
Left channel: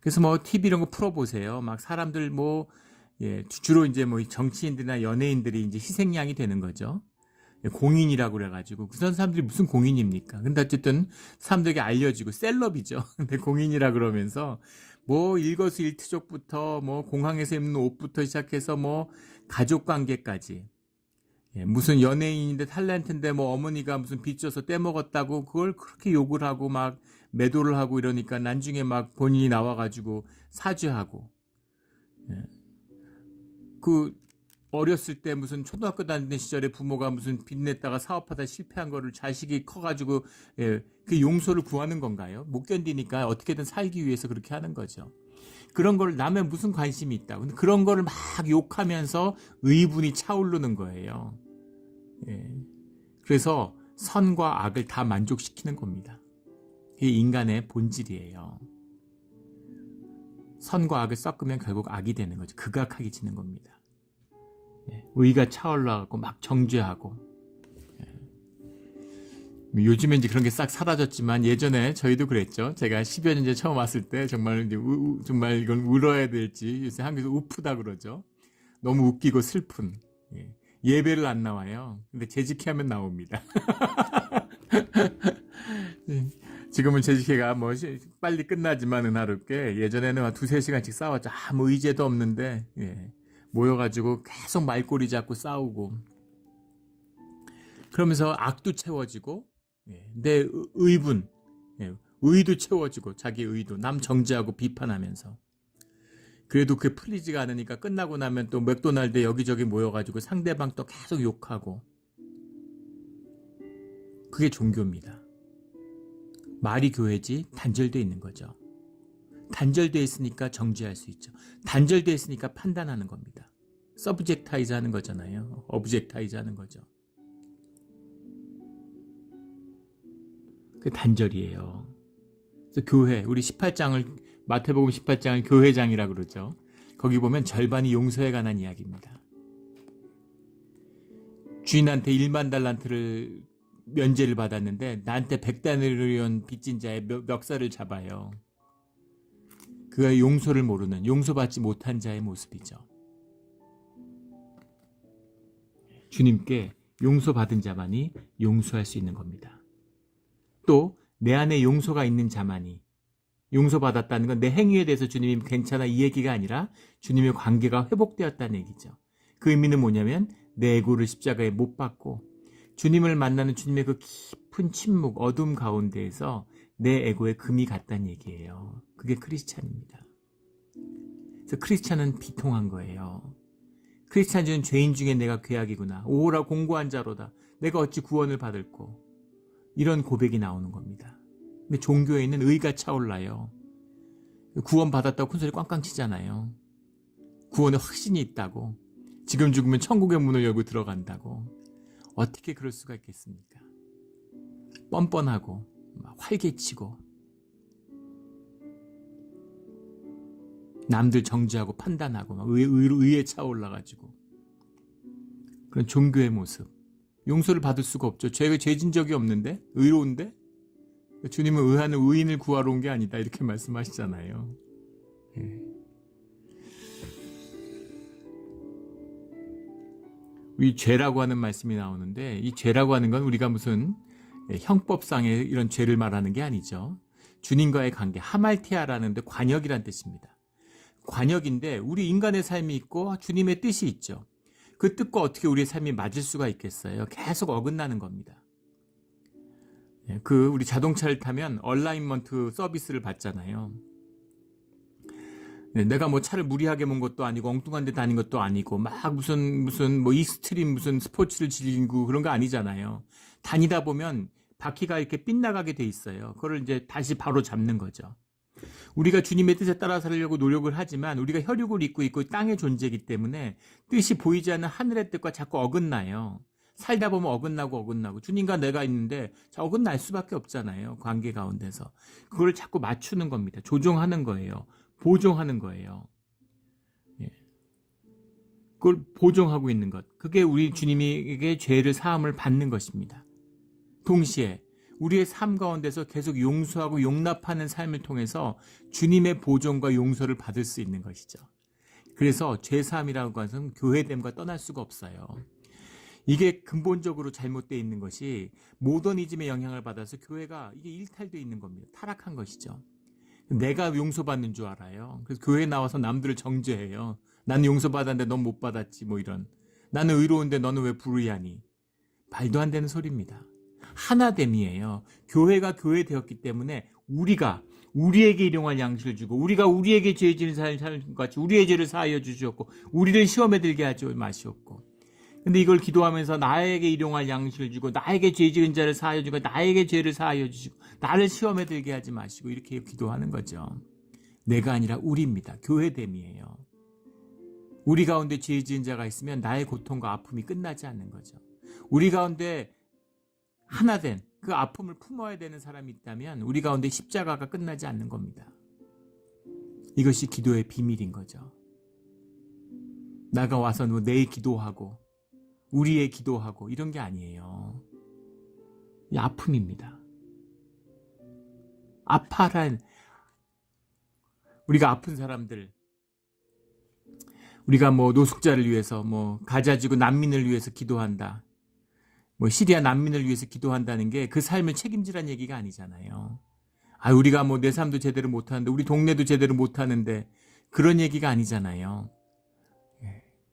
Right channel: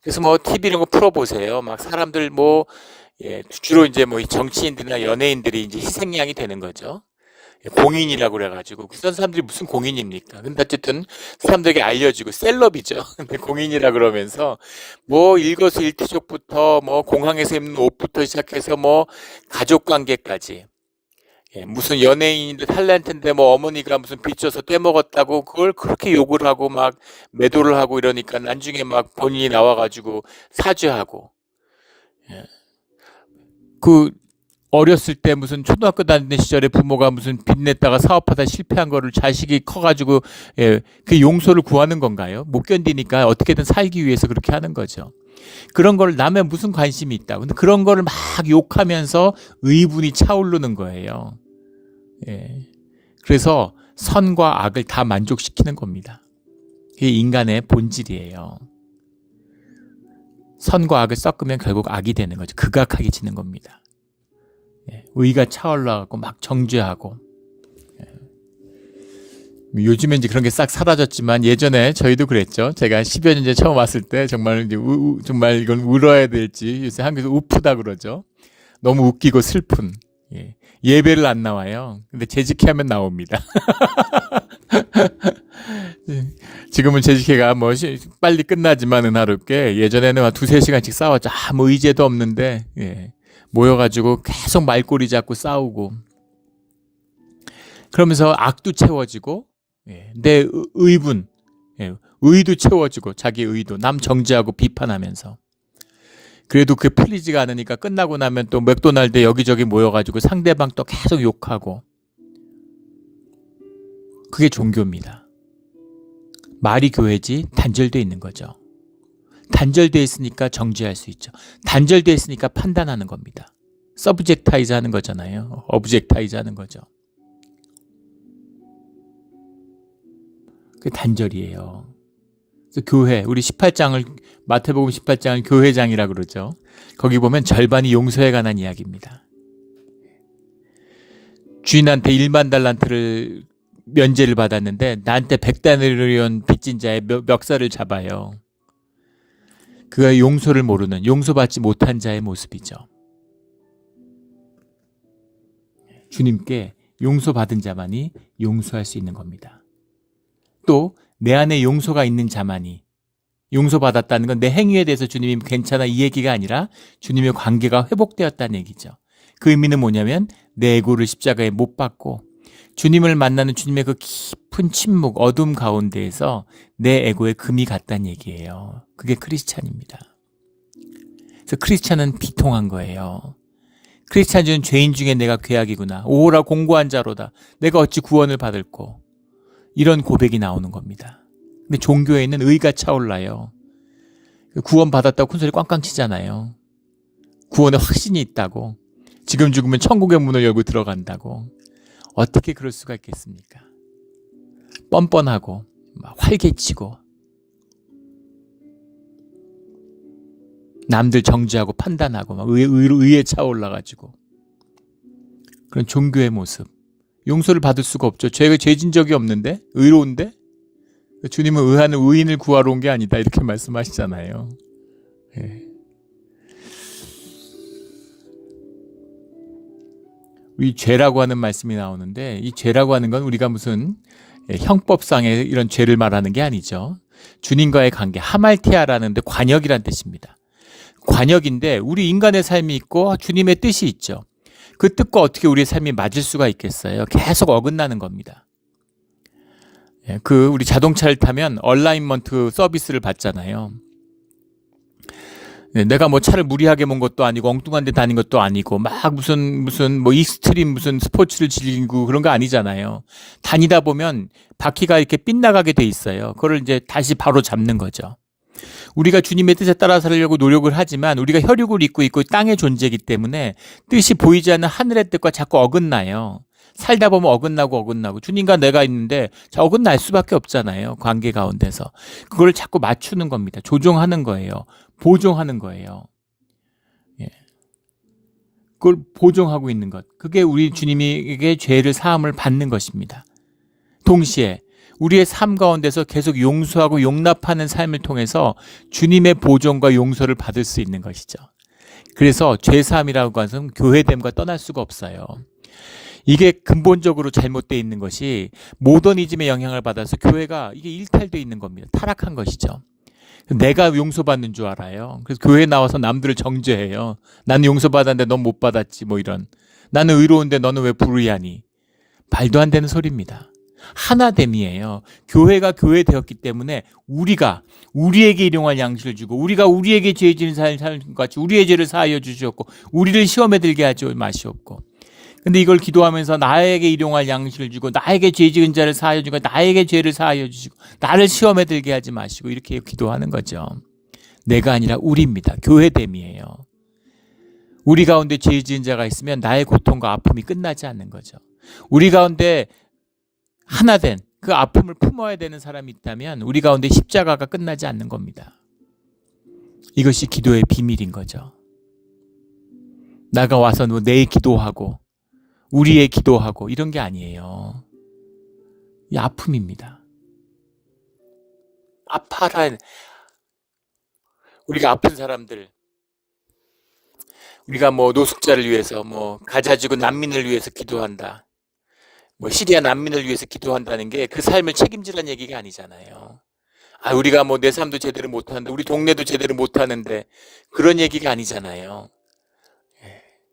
그래서 뭐 TV 이런 거 풀어보세요. 막 사람들 주로 이제 정치인들이나 연예인들이 이제 희생양이 되는 거죠. 공인이라고 그래가지고 그런 사람들이 무슨 공인입니까? 근데 어쨌든 사람들에게 알려지고 셀럽이죠. 근데 공인이라 그러면서 일거수일투족부터 공항에서 입는 옷부터 시작해서 가족관계까지 무슨 연예인인데 탤런트인데 어머니가 무슨 빚져서 떼먹었다고 그걸 그렇게 욕을 하고 막 매도를 하고 이러니까 나중에 막 본인이 나와가지고 사죄하고 어렸을 때 무슨 초등학교 다니는 시절에 부모가 무슨 빚냈다가 사업하다 실패한 거를 자식이 커가지고 그 용서를 구하는 건가요? 못 견디니까 어떻게든 살기 위해서 그렇게 하는 거죠. 그런 걸 남의 무슨 관심이 있다. 근데 그런 거를 막 욕하면서 의분이 차오르는 거예요. 그래서 선과 악을 다 만족시키는 겁니다. 그게 인간의 본질이에요. 선과 악을 섞으면 결국 악이 되는 거죠. 극악하게 지는 겁니다. 의가 차올라가고 막 정죄하고 요즘에 이제 그런 게 싹 사라졌지만 예전에 저희도 그랬죠. 제가 10여 년 전에 처음 왔을 때 정말 이제 정말 이건 울어야 될지 요새 한국에서 우프다 그러죠. 너무 웃기고 슬픈. 예. 예배를 안 나와요. 근데 재직회하면 나옵니다. 지금은 재직회가 뭐 빨리 끝나지만 은하롭게 예전에는 한 두세 시간씩 싸웠죠. 아무 의제도 없는데 예. 모여가지고 계속 말꼬리 잡고 싸우고 그러면서 악도 채워지고 예. 내 의분 예. 의도 채워지고 자기 의도 남 정죄하고 비판하면서 그래도 그게 풀리지가 않으니까 끝나고 나면 또 맥도날드 여기저기 모여가지고 상대방 또 계속 욕하고 그게 종교입니다. 말이 교회지 단절되어 있는 거죠. 단절되어 있으니까 정죄할 수 있죠. 단절되어 있으니까 판단하는 겁니다. 서브젝타이즈 하는 거잖아요. 어브젝타이즈 하는 거죠. 그게 단절이에요. 그래서 교회, 우리 18장을 마태복음 18장을 교회장이라고 그러죠. 거기 보면 절반이 용서에 관한 이야기입니다. 주인한테 1만 달란트를 면제를 받았는데 나한테 100달러리온 빚진 자의 멱살을 잡아요. 그가 용서를 모르는 용서받지 못한 자의 모습이죠. 주님께 용서받은 자만이 용서할 수 있는 겁니다. 또 내 안에 용서가 있는 자만이 용서받았다는 건 내 행위에 대해서 주님이 괜찮아 이 얘기가 아니라 주님의 관계가 회복되었다는 얘기죠. 그 의미는 뭐냐면 내 에고를 십자가에 못 박고 주님을 만나는 주님의 그 깊은 침묵, 어둠 가운데에서 내 에고에 금이 갔다는 얘기예요. 그게 크리스찬입니다. 그래서 크리스찬은 비통한 거예요. 크리스찬은 죄인 중에 내가 죄악이구나. 오호라 공고한 자로다. 내가 어찌 구원을 받을꼬. 이런 고백이 나오는 겁니다. 근데 종교에는 의가 차올라요. 구원 받았다고 큰소리 꽝꽝 치잖아요. 구원에 확신이 있다고. 지금 죽으면 천국의 문을 열고 들어간다고. 어떻게 그럴 수가 있겠습니까? 뻔뻔하고 활개치고 남들 정죄하고 판단하고 막 의에 차올라가지고 그런 종교의 모습. 용서를 받을 수가 없죠. 죄가 죄진 적이 없는데 의로운데 주님은 의하는 의인을 구하러 온 게 아니다 이렇게 말씀하시잖아요. 예. 이 죄라고 하는 말씀이 나오는데 이 죄라고 하는 건 우리가 무슨 형법상의 이런 죄를 말하는 게 아니죠. 주님과의 관계 하말티아라는 데 관역이란 뜻입니다. 관역인데 우리 인간의 삶이 있고 주님의 뜻이 있죠. 그 뜻과 어떻게 우리의 삶이 맞을 수가 있겠어요? 계속 어긋나는 겁니다. 우리 자동차를 타면 얼라인먼트 서비스를 받잖아요. 내가 뭐 차를 무리하게 몬 것도 아니고 엉뚱한 데 다닌 것도 아니고 막 무슨 뭐 익스트림 무슨 스포츠를 즐기고 그런 거 아니잖아요. 다니다 보면 바퀴가 이렇게 빗나가게 돼 있어요. 그걸 이제 다시 바로 잡는 거죠. 우리가 주님의 뜻에 따라 살려고 노력을 하지만 우리가 혈육을 입고 있고 땅의 존재이기 때문에 뜻이 보이지 않는 하늘의 뜻과 자꾸 어긋나요. 살다 보면 어긋나고 주님과 내가 있는데 어긋날 수밖에 없잖아요. 관계 가운데서. 그걸 자꾸 맞추는 겁니다. 조종하는 거예요. 보정하는 거예요. 예. 그걸 보정하고 있는 것. 그게 우리 주님에게 죄를 사함을 받는 것입니다. 동시에 우리의 삶 가운데서 계속 용서하고 용납하는 삶을 통해서 주님의 보존과 용서를 받을 수 있는 것이죠. 그래서 죄사함이라고 하는 것은 교회됨과 떠날 수가 없어요. 이게 근본적으로 잘못되어 있는 것이 모더니즘의 영향을 받아서 교회가 이게 일탈되어 있는 겁니다. 타락한 것이죠. 내가 용서받는 줄 알아요. 그래서 교회에 나와서 남들을 정죄해요. 나는 용서받았는데 넌 못 받았지 뭐 이런. 나는 의로운데 너는 왜 불의하니. 말도 안 되는 소리입니다. 하나됨이에요. 교회가 교회 되었기 때문에 우리가 우리에게 일용할 양식을 주고 우리가 우리에게 죄 지은 사람 같이 우리의 죄를 사하여 주시옵고 우리를 시험에 들게 하지 마시옵고. 근데 이걸 기도하면서 나에게 일용할 양식을 주고 나에게 죄 지은 자를 사하여 주고 나에게 죄를 사하여 주시고 나를 시험에 들게 하지 마시고 이렇게 기도하는 거죠. 내가 아니라 우리입니다. 교회됨이에요. 우리 가운데 죄 지은 자가 있으면 나의 고통과 아픔이 끝나지 않는 거죠. 우리 가운데 하나 된 그 아픔을 품어야 되는 사람이 있다면 우리 가운데 십자가가 끝나지 않는 겁니다. 이것이 기도의 비밀인 거죠. 나가 와서 내 기도하고 우리의 기도하고 이런 게 아니에요. 이 아픔입니다. 아파라. 우리가 아픈 사람들, 우리가 뭐 노숙자를 위해서, 뭐 가자지구 난민을 위해서 기도한다, 뭐 시리아 난민을 위해서 기도한다는 게 그 삶을 책임지라는 얘기가 아니잖아요. 우리가 뭐 내 삶도 제대로 못하는데, 우리 동네도 제대로 못하는데, 그런 얘기가 아니잖아요.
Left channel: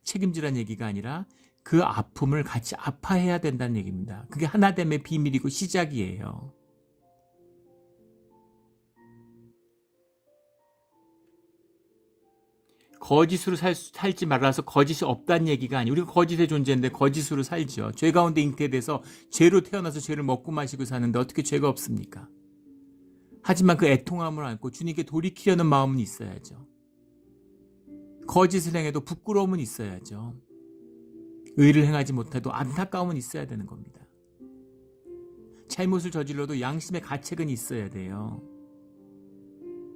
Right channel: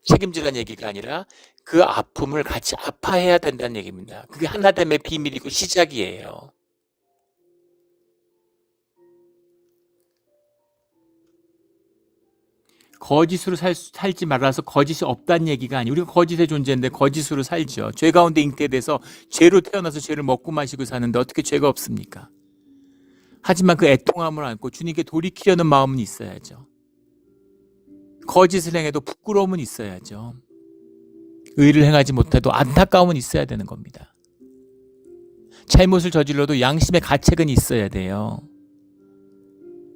책임지라는 얘기가 아니라 그 아픔을 같이 아파해야 된다는 얘기입니다. 그게 하나됨의 비밀이고 시작이에요. 거짓으로 살지 말아서 거짓이 없다는 얘기가 아니에요. 우리가 거짓의 존재인데 거짓으로 살죠. 죄 가운데 잉태돼서 죄로 태어나서 죄를 먹고 마시고 사는데 어떻게 죄가 없습니까? 하지만 그 애통함을 안고 주님께 돌이키려는 마음은 있어야죠. 거짓을 행해도 부끄러움은 있어야죠. 의를 행하지 못해도 안타까움은 있어야 되는 겁니다. 잘못을 저질러도 양심의 가책은 있어야 돼요.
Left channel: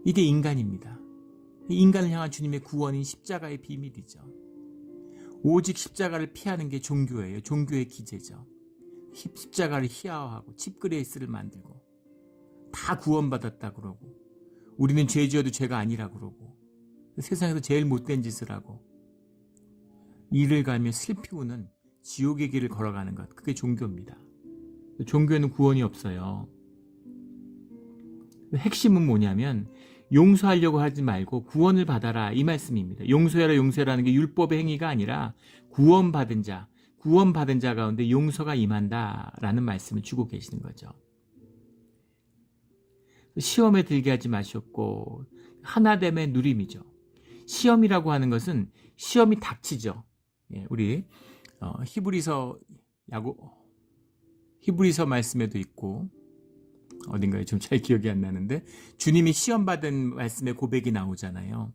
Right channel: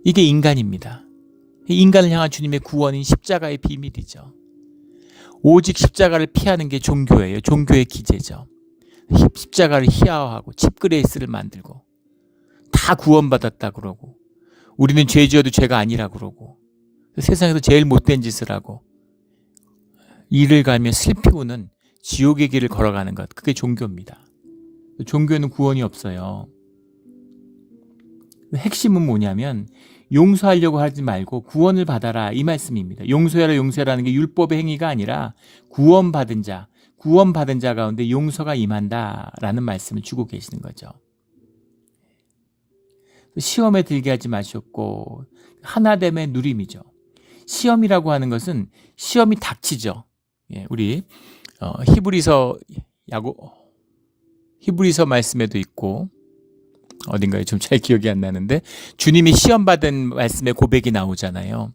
이게 인간입니다. 인간을 향한 주님의 구원인 십자가의 비밀이죠. 오직 십자가를 피하는 게 종교예요. 종교의 기제죠. 십자가를 희화화하고 칩그레이스를 만들고 다 구원받았다 그러고 우리는 죄 지어도 죄가 아니라 그러고 세상에서 제일 못된 짓을 하고 이를 갈며 슬피우는 지옥의 길을 걸어가는 것, 그게 종교입니다. 종교에는 구원이 없어요. 핵심은 뭐냐면 용서하려고 하지 말고 구원을 받아라, 이 말씀입니다. 용서하라는 게 율법의 행위가 아니라 구원받은 자 가운데 용서가 임한다라는 말씀을 주고 계시는 거죠. 시험에 들게 하지 마셨고 하나됨의 누림이죠. 시험이라고 하는 것은 시험이 닥치죠. 우리 히브리서 말씀에도 있고 어딘가에 좀 잘 기억이 안 나는데 주님이 시험 받은 말씀의 고백이 나오잖아요.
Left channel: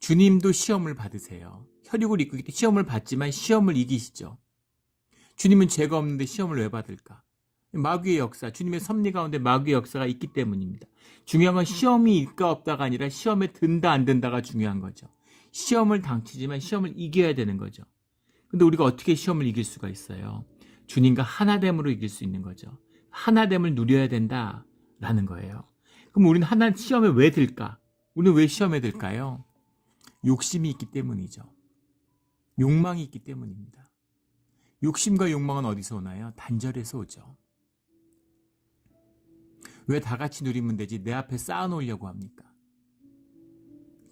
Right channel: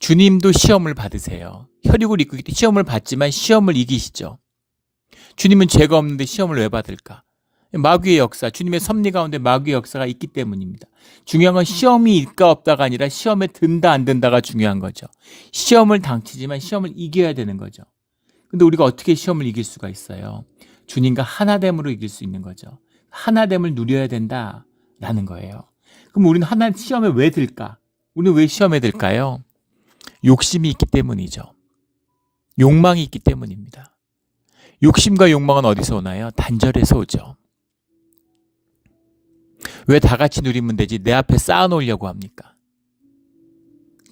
주님도 시험을 받으세요. 혈육을 입고 시험을 받지만 시험을 이기시죠. 주님은 죄가 없는데 시험을 왜 받을까? 마귀의 역사, 주님의 섭리 가운데 마귀의 역사가 있기 때문입니다. 중요한 건 시험이 있까 없다가 아니라 시험에 든다 안 든다가 중요한 거죠. 시험을 당치지만 시험을 이겨야 되는 거죠. 근데 우리가 어떻게 시험을 이길 수가 있어요? 주님과 하나됨으로 이길 수 있는 거죠. 하나됨을 누려야 된다라는 거예요. 그럼 우리는 시험에 왜 들까? 우리는 왜 시험에 들까요? 욕심이 있기 때문이죠. 욕망이 있기 때문입니다. 욕심과 욕망은 어디서 오나요? 단절에서 오죠. 왜 다 같이 누리면 되지 내 앞에 쌓아놓으려고 합니까?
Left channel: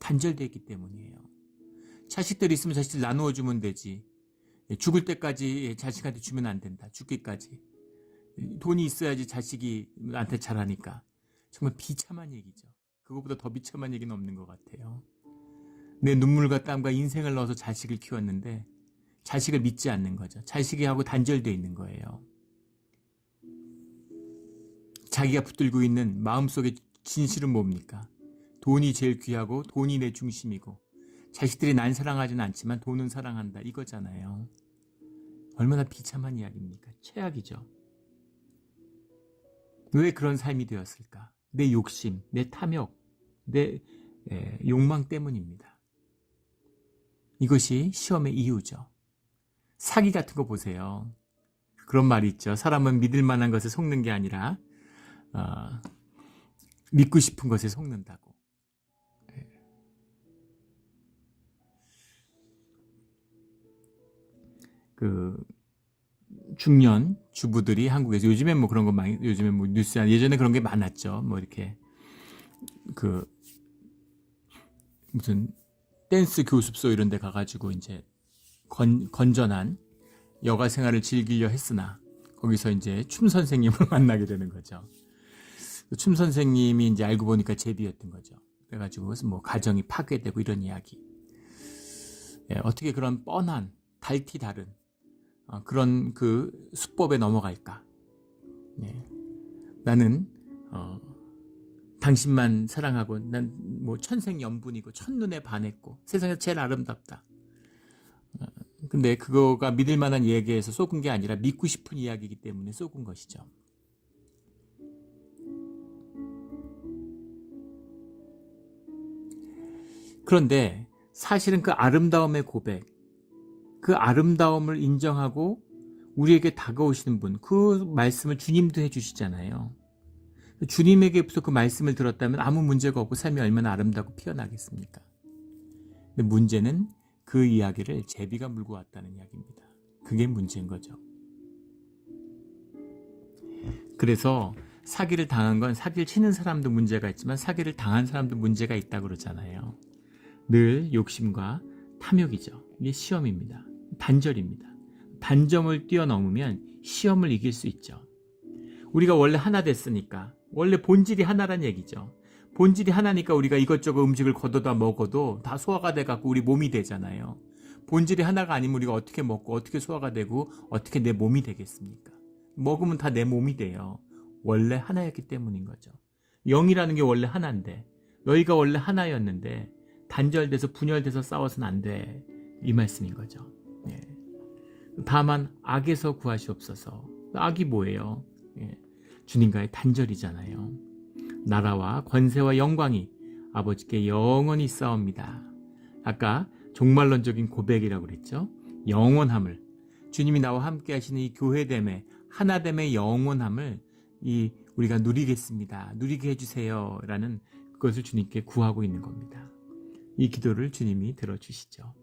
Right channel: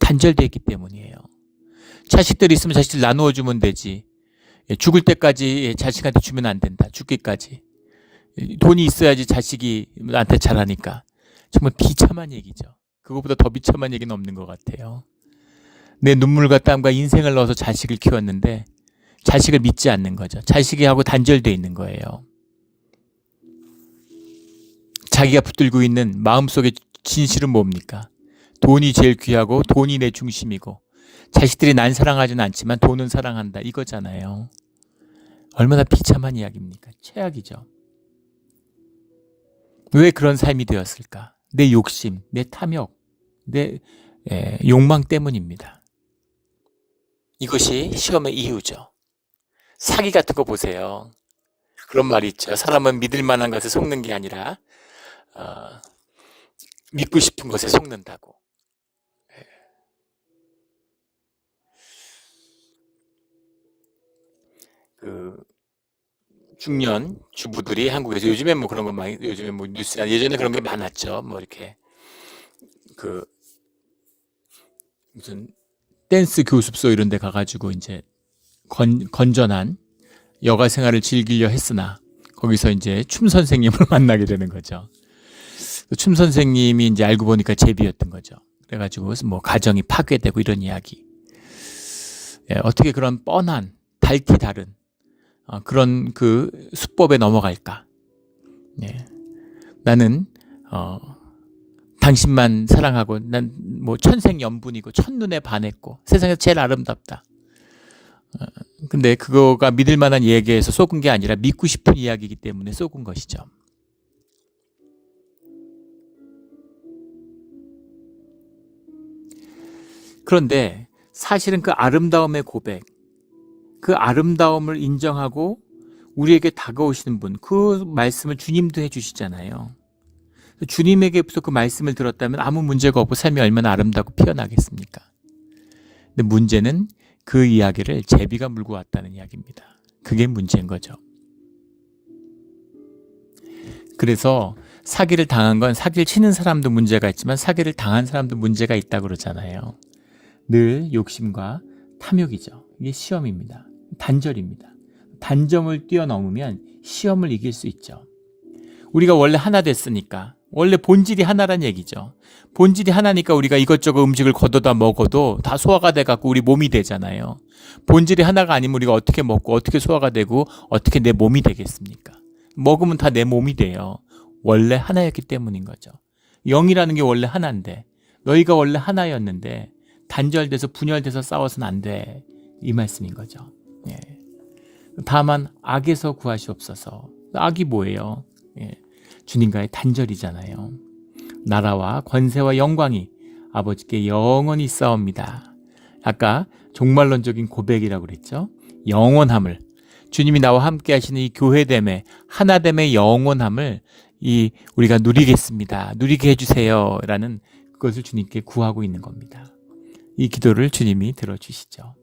단절되어 있기 때문이에요. 자식들이 있으면 자식들 나누어 주면 되지. 죽을 때까지 자식한테 주면 안 된다. 죽기까지. 돈이 있어야지 자식이 나한테 잘하니까. 정말 비참한 얘기죠. 그것보다 더 비참한 얘기는 없는 것 같아요. 내 눈물과 땀과 인생을 넣어서 자식을 키웠는데 자식을 믿지 않는 거죠. 자식이하고 단절되어 있는 거예요. 자기가 붙들고 있는 마음속의 진실은 뭡니까? 돈이 제일 귀하고 돈이 내 중심이고 자식들이 난 사랑하지는 않지만 돈은 사랑한다, 이거잖아요. 얼마나 비참한 이야기입니까? 최악이죠. 왜 그런 삶이 되었을까? 내 욕심, 내 탐욕, 내 욕망 때문입니다. 이것이 시험의 이유죠. 사기 같은 거 보세요. 그런 말이 있죠. 사람은 믿을 만한 것에 속는 게 아니라 믿고 싶은 것에 속는다고. 그 중년 주부들이 한국에서 요즘에 뭐 그런 거 많이, 요즘에 뭐 뉴스나 예전에 그런 게 많았죠. 뭐 이렇게 그 무슨 댄스 교습소 이런 데 가가지고 이제 건전한 여가 생활을 즐기려 했으나 거기서 이제 춤 선생님을 만나게 되는 거죠. 춤 선생님이 이제 알고 보니까 제비였던 거죠. 그래가지고 뭐 가정이 파괴되고 이런 이야기. 어떻게 그런 뻔한 달티 다른 그런 그 수법에 넘어갈까? 나는 당신만 사랑하고 난 뭐 천생연분이고 첫눈에 반했고 세상에서 제일 아름답다. 근데 그거가 믿을 만한 얘기에서 속은 게 아니라 믿고 싶은 이야기이기 때문에 속은 것이죠. 그런데 사실은 그 아름다움의 고백, 그 아름다움을 인정하고 우리에게 다가오시는 분, 그 말씀을 주님도 해주시잖아요. 주님에게부터 그 말씀을 들었다면 아무 문제가 없고 삶이 얼마나 아름답고 피어나겠습니까? 근데 문제는 그 이야기를 제비가 물고 왔다는 이야기입니다. 그게 문제인 거죠. 그래서 사기를 당한 건 사기를 치는 사람도 문제가 있지만 사기를 당한 사람도 문제가 있다고 그러잖아요. 늘 욕심과 탐욕이죠. 이게 시험입니다. 단절입니다. 단점을 뛰어넘으면 시험을 이길 수 있죠. 우리가 원래 하나 됐으니까, 원래 본질이 하나란 얘기죠. 본질이 하나니까 우리가 이것저것 음식을 걷어다 먹어도 다 소화가 돼갖고 우리 몸이 되잖아요. 본질이 하나가 아니면 우리가 어떻게 먹고 어떻게 소화가 되고 어떻게 내 몸이 되겠습니까? 먹으면 다 내 몸이 돼요. 원래 하나였기 때문인 거죠. 영이라는 게 원래 하나인데 너희가 원래 하나였는데 단절돼서 분열돼서 싸워서는 안 돼. 이 말씀인 거죠. 예. 다만 악에서 구하시옵소서. 악이 뭐예요? 예. 주님과의 단절이잖아요. 나라와 권세와 영광이 아버지께 영원히 있사옵니다. 아까 종말론적인 고백이라고 그랬죠. 영원함을, 주님이 나와 함께 하시는 이 교회됨의 하나됨의 영원함을 우리가 누리겠습니다. 누리게 해주세요 라는 그것을 주님께 구하고 있는 겁니다. 이 기도를 주님이 들어주시죠.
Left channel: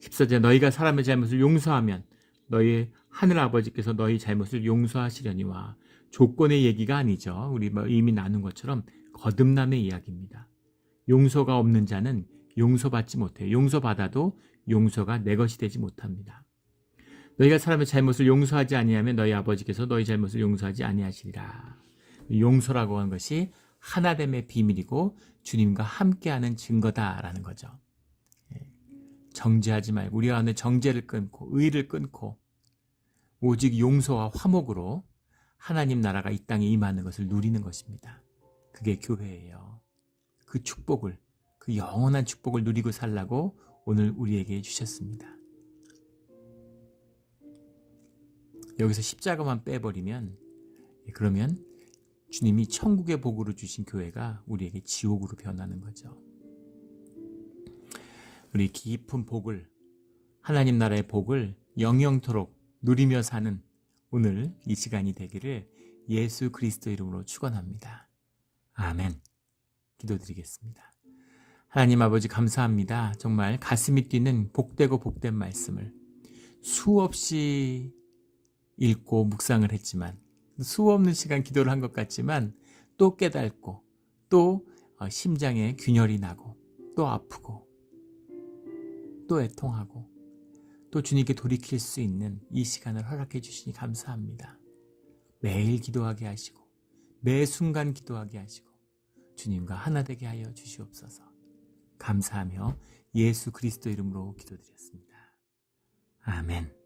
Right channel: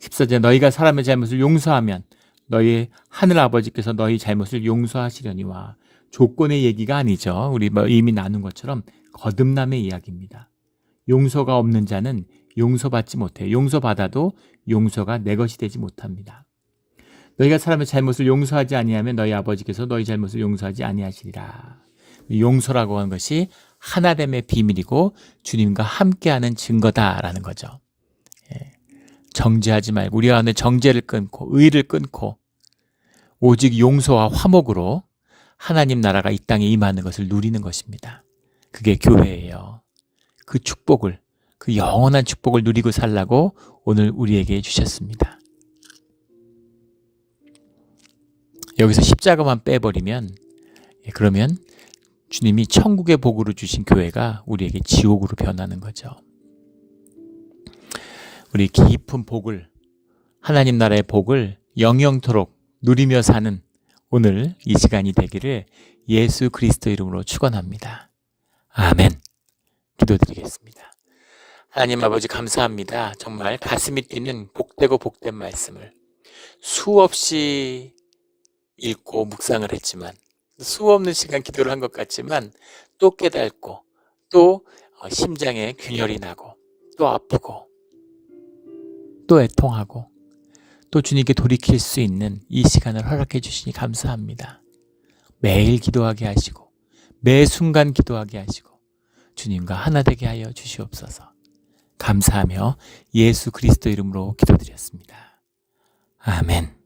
14절, 너희가 사람의 잘못을 용서하면 너희 하늘 아버지께서 너희 잘못을 용서하시려니와, 조건의 얘기가 아니죠. 우리 이미 나눈 것처럼 거듭남의 이야기입니다. 용서가 없는 자는 용서받지 못해요. 용서받아도 용서가 내 것이 되지 못합니다. 너희가 사람의 잘못을 용서하지 아니하면 너희 아버지께서 너희 잘못을 용서하지 아니하시리라. 용서라고 하는 것이 하나됨의 비밀이고 주님과 함께하는 증거다라는 거죠. 정죄하지 말고 우리 안에 정죄를 끊고 의를 끊고 오직 용서와 화목으로 하나님 나라가 이 땅에 임하는 것을 누리는 것입니다. 그게 교회예요. 그 축복을, 그 영원한 축복을 누리고 살라고 오늘 우리에게 주셨습니다. 여기서 십자가만 빼버리면, 그러면 주님이 천국의 복으로 주신 교회가 우리에게 지옥으로 변하는 거죠. 우리 깊은 복을, 하나님 나라의 복을 영영토록 누리며 사는 오늘 이 시간이 되기를 예수 그리스도 이름으로 축원합니다. 아멘. 기도드리겠습니다. 하나님 아버지 감사합니다. 정말 가슴이 뛰는 복되고 복된 말씀을 수없이 읽고 묵상을 했지만, 수없는 시간 기도를 한 것 같지만 또 깨닫고 또 심장에 균열이 나고 또 아프고 또 애통하고 또 주님께 돌이킬 수 있는 이 시간을 허락해 주시니 감사합니다. 매일 기도하게 하시고 매 순간 기도하게 하시고 주님과 하나 되게 하여 주시옵소서. 감사하며 예수 그리스도 이름으로 기도드렸습니다. 아멘.